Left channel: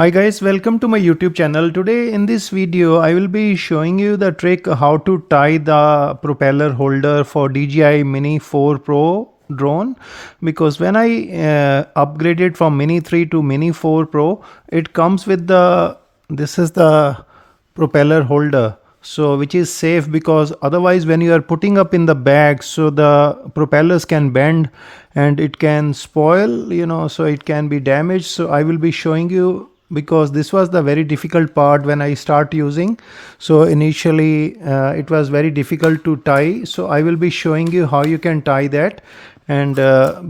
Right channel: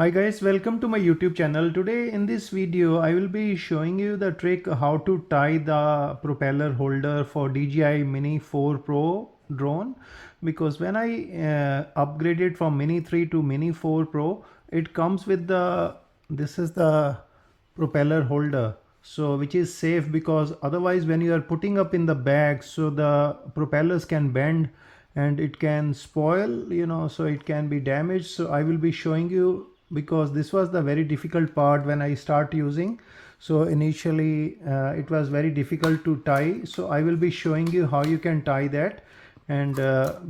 Hi guys, welcome to my YouTube channel. Today in this video I will be showing you the trick how to tie the propeller holder for DJI Mini 4 Pro drone, because when I upgraded from Mini 3 to Mini 4 Pro, it comes with this is the propeller holder, so which is safe, because otherwise when you are putting up in the bag, so the propellers can bend and it can spoil, so it can be damaged. So I will be showing you, because this was the very difficult part when I start using. So initially it was very difficult to tie, so I will be showing you how you can tie that. And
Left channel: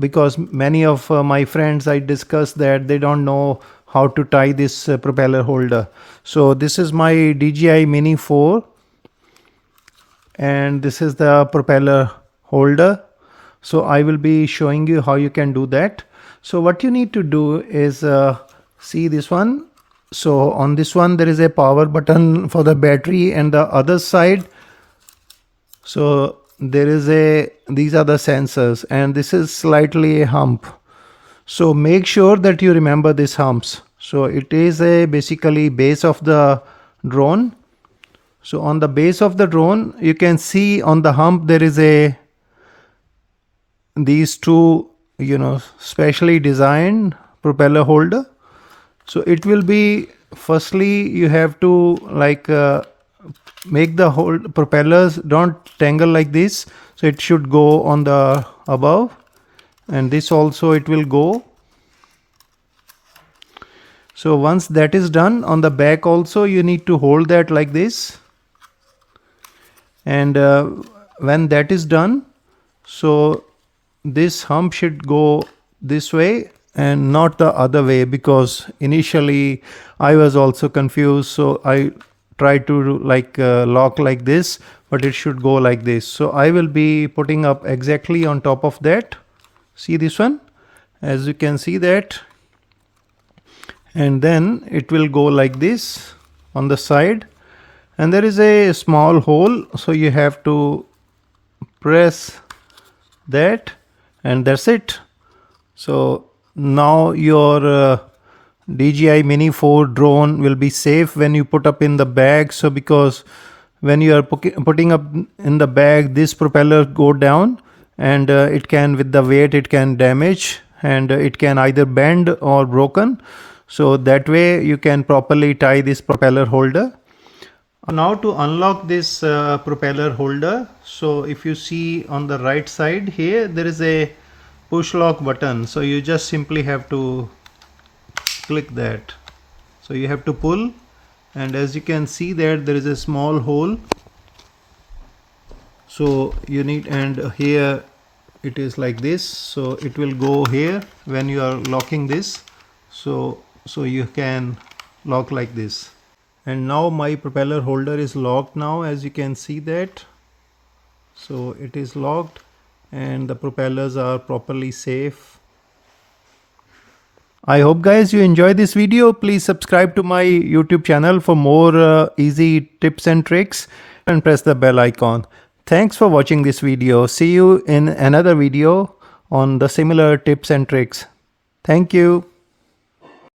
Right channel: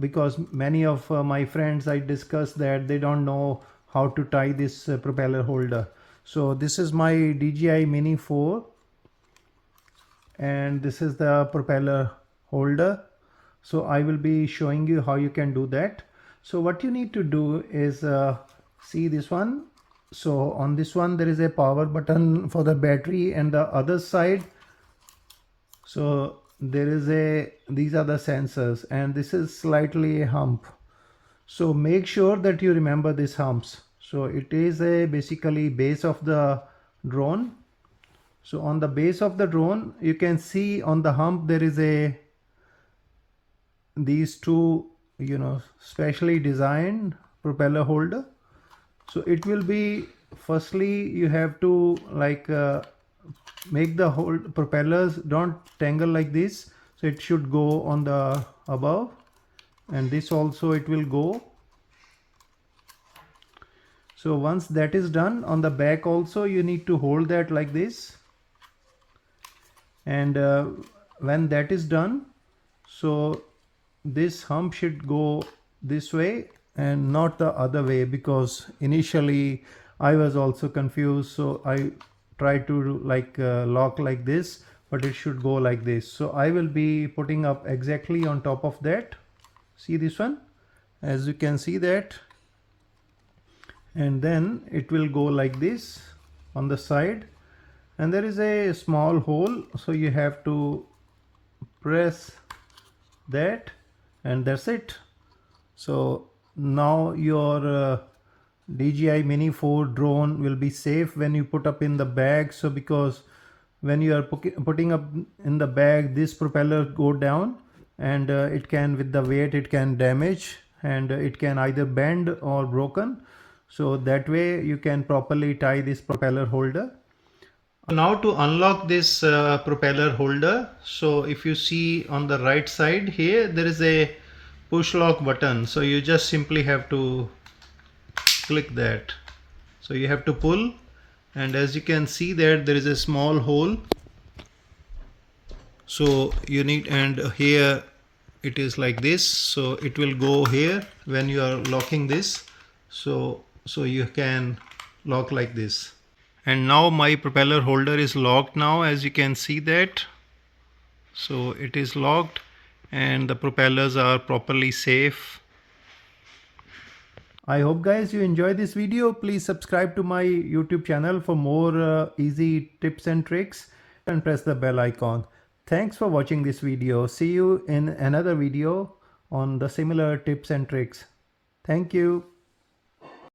because many of my friends I discussed that they don't know how to tie this propeller holder. So this is my DJI Mini 4 and this is the propeller holder. So I will be showing you how you can do that. So what you need to do is see this one. So on this one there is a power button for the battery, and the other side, so there is these are the sensors, and this is slightly a hump. So make sure that you remember these humps. So it is basically base of the drone. So on the base of the drone, you can see on the hump there is these two specially designed propeller holder. So it will be, firstly you have to make the whole propellers don't tangle like this. So it should go on the above, and this also it will go. So once that is done, on the back also you need to hold that like this. And when that is done, so this hump should go this way and not the other way, because initially I was also confused. So I tried to lock like this, but it should go like this. So I will be putting up exactly on top of that. See this one, as you can see that, and then it will go like this on the side, and there is a small hole, so you have to press that, and that's it. So now your DJI Mini 4 drone will be safe when you put up in the bag. So because when you are putting up in the bag, this propeller go down, and it can, with the weight, it can damage, and it can either bend or broken. So that way you can properly tie this propeller holder. Now to unlock this propeller holder, so if you see on the right side here, there is a push lock button. So you just simply have to click that. So you have to pull, and as you can see there is a small hole. So you need, and here it is like this, so it will go here when you are locking this. So you can lock like this. And now my propeller holder is locked now, as you can see that. So it is locked and the propellers are properly safe. I hope guys you enjoy this video. Please subscribe to my YouTube channel for more easy tips and tricks, and press the bell icon. Thanks for watching this video. See you in another video on the similar tips and tricks. Thank you.